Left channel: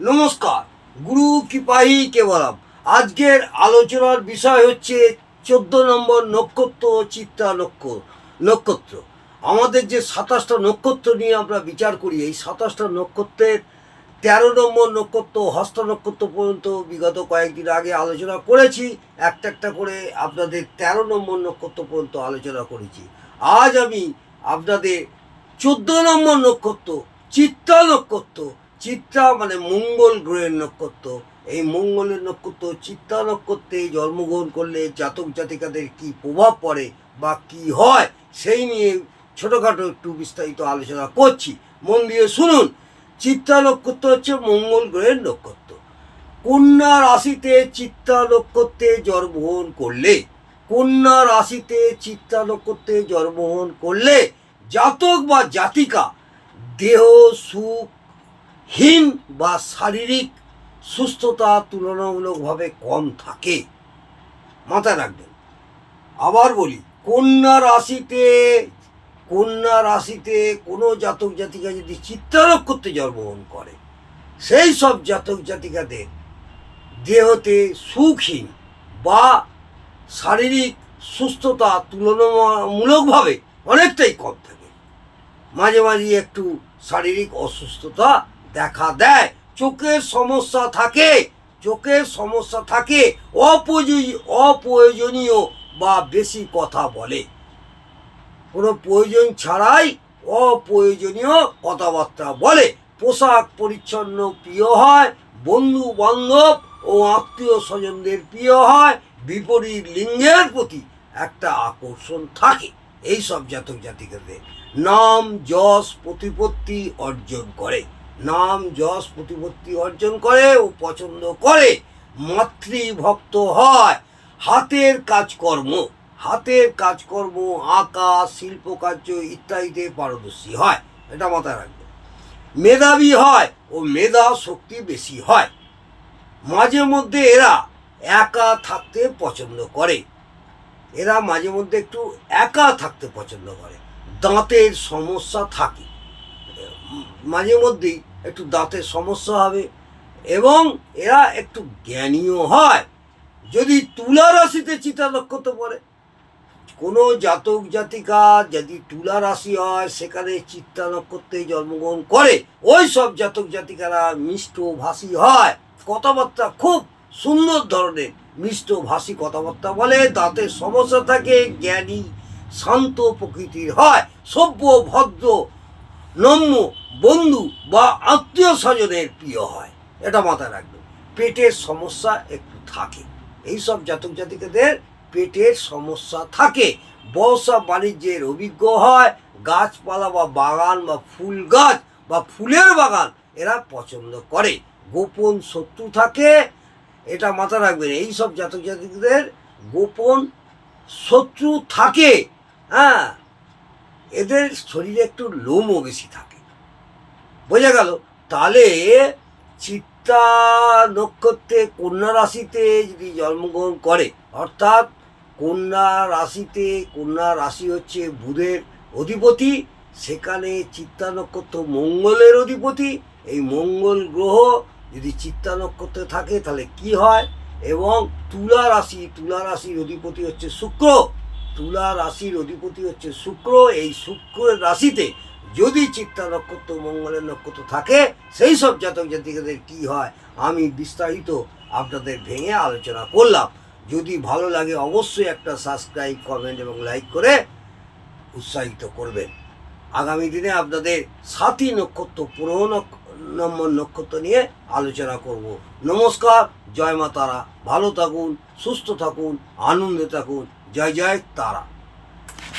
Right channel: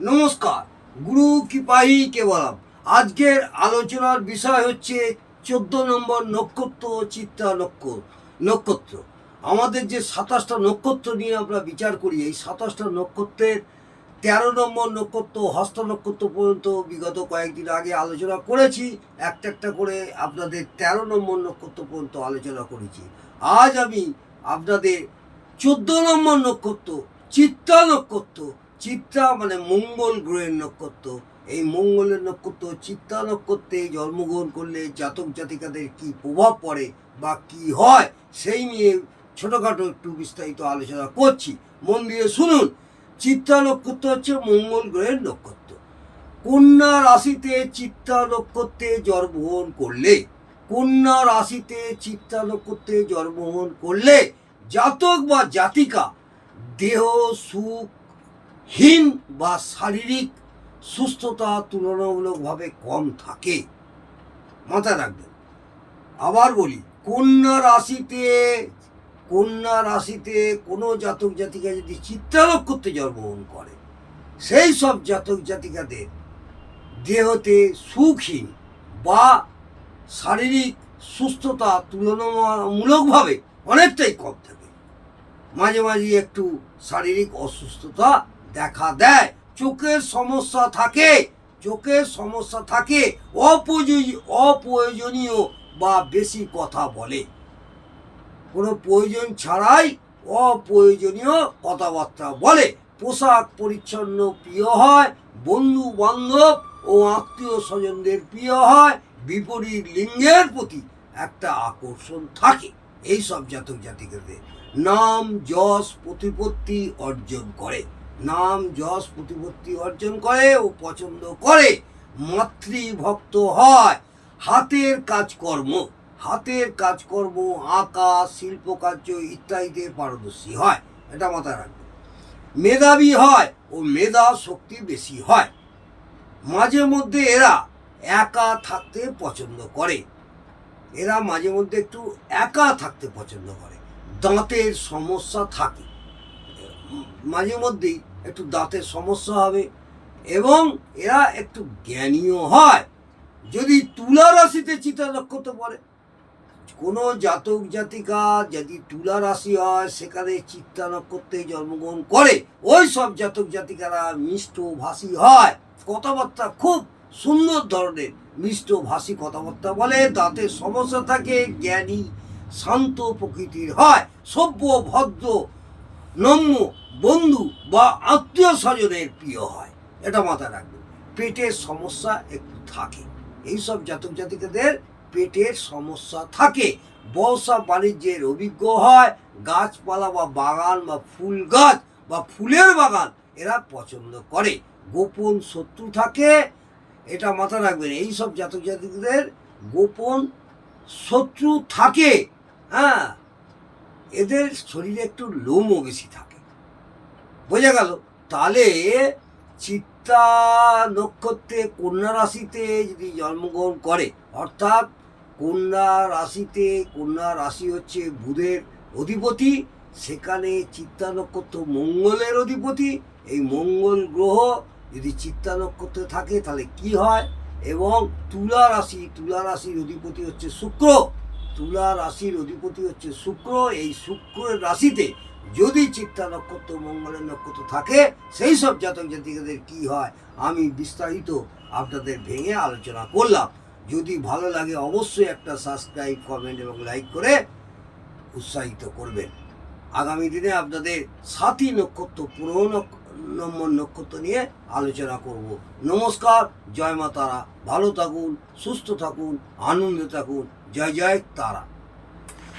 নমস্কার, গুরু কৃপাহি কেবলম। আজকের আলোচনার বিষয় হচ্ছে 14 নম্বর নক্ষত্র, চিত্রা নক্ষত্র। আমাদের যে 27টা নক্ষত্র নিয়ে আমরা বিচার করি, এই 27টা নক্ষত্রের 13 নম্বর নক্ষত্র হস্ত নক্ষত্র পর্যন্ত বিগত কয়েকদিন আগে আলোচনা করেছি। একটা একটা করে আপনাদের 13 নম্বর নক্ষত্র পর্যন্ত আলোচনা করেছি। আজ আমি আপনাদের 14 নম্বর নক্ষত্র, চিত্রা নক্ষত্র। চিত্রা মানে মঙ্গল গ্রহের নক্ষত্র। এই মঙ্গলের নক্ষত্র চিত্রা নক্ষত্রে জন্মগ্রহণ করলে জাতক জাতিকাদের কি প্রভাব পড়ে বা কি হয়, সেই নিয়ে ছোটোখাটো একটু বিস্তারিত আলোচনা করছি। মন দিয়ে শুনুন। চিত্রা নক্ষত্র হচ্ছে মঙ্গল গ্রহের নক্ষত্র। কন্যা রাশিতে চিত্রা নক্ষত্রে জন্মগ্রহণ করলে, কন্যা রাশিতে চিত্রা নক্ষত্রে জন্মগ্রহণ করলে জাতক বা জাতিকা দেহ সুখহীন বা শারীরিক সুস্থতা তুলনামূলকভাবে কম থাকে। মাথায় রাখবেন। আবার বলি, কন্যা রাশিতে কোনো জাতক জাতিকা যদি চিত্রা নক্ষত্রে জন্মগ্রহণ করে, সেই সব জাতক জাতিকাদের দেহতে সুখহীন বা শারীরিক সুস্থতা তুলনামূলকভাবে অনেকটাই কম থাকে। মাঝে মাঝে একটু শারীরিক অসুস্থতা দেখা দেয়, চোখের সমস্যা থাকে, অপ্রয়োজনীয় বা বেশি কথা বলে, কোনো প্রয়োজন ছাড়াই অপ্রয়োজনীয় কথাবার্তা বলে, পোশাক পরিচ্ছন্ন প্রিয় হয়, বন্ধু বান্ধব ও আত্মীয় স্বজনদের প্রিয় হয়, বিপরীত লিঙ্গের প্রতি একটা আকর্ষণ থাকে। এই সব জাতক জাতিকাদের নাম যশ প্রতিপত্তি অর্জন করে ও পছন্দ করে, মাতৃভক্ত হয়, হাতের কাজকর্ম আঁকা, শিল্পকার্য ইত্যাদিতে পারদর্শী হয়। এটা মাথায় রাখবে। মেধাবী হয় ও মেধা শক্তি বেশি হয়। মাঝে মধ্যে এরা একা থাকতে পছন্দ করে। দাঁতের সমস্যা থাকে, মাঝে মধ্যেই একটু দাঁতের সমস্যা হবে, এবং এরা একটু জ্ঞানীও হয়। যদি তুলা রাশিতে চিত্রা নক্ষত্র পড়ে, কোনো জাতক জাতিকা যদি তুলা রাশি হয়, সেখানে চিত্রা নক্ষত্রে জন্মগ্রহণ করে, ওই সব জাতক জাতিকারা মিষ্টভাষী হয়, কথাবার্তা খুব সুন্দর ধরনের মিষ্টভাষী কথাবার্তা বলে, দাঁতের সমস্যা থাকে, জ্ঞানী শান্ত প্রকৃতির হয়, সভ্য ভদ্র নম্র বন্ধু বা আত্মীয় স্বজনের প্রিয় হয়। এটা মাথায় রাখবেন। পেটের সমস্যা একটু থাকে, এইসব জাতক জাতিকাদের পেটের সমস্যা থাকে। ব্যবসা বাণিজ্যের অভিজ্ঞ হয়, গাছপালা বা বাগান বা ফুল গাছ বা ফুলের বাগান এরা পছন্দ করে। গোপন শত্রু থাকে, এটা মাথায় রাখবেন। এইসব জাতক জাতিকাদের গোপন শত্রু থাকে। হ্যাঁ, এদের শরীরে একটু লোমও বেশি থাকে। বোঝা গেল? তাহলে চিত্রা নক্ষত্রে কন্যা রাশিতে যদি জন্মগ্রহণ করে, অর্থাৎ কন্যা রাশি হচ্ছে বুধের অধিপতি, সেখানে চিত্রা নক্ষত্র মঙ্গলের অধিপতি। এই মঙ্গল গ্রহ যদি চিত্রা নক্ষত্রে থাকে তাহলে কি হয়, এবং তুলা রাশির অধিপতি হচ্ছে শুক্র। এই শুক্রের রাশিতে যদি চিত্রা নক্ষত্র মঙ্গলের নক্ষত্র থাকে, সেই সব জাতক জাতিকাদের কি হয় আমি বিস্তারিত আপনাদের ভেঙে আলোচনা করলাম। যদি ভালো লাগে অবশ্যই একটা সাবস্ক্রাইব, কমেন্ট এবং লাইক করে উৎসাহিত করবেন। আগামী দিনে আপনাদের 7টি নক্ষত্র, 15 নম্বর নক্ষত্র নিয়ে আলোচনা করব। নমস্কার, জয় মা তারা। ভালো থাকুন, সুস্থ থাকুন, আনন্দে থাকুন। জয় জয় তারা।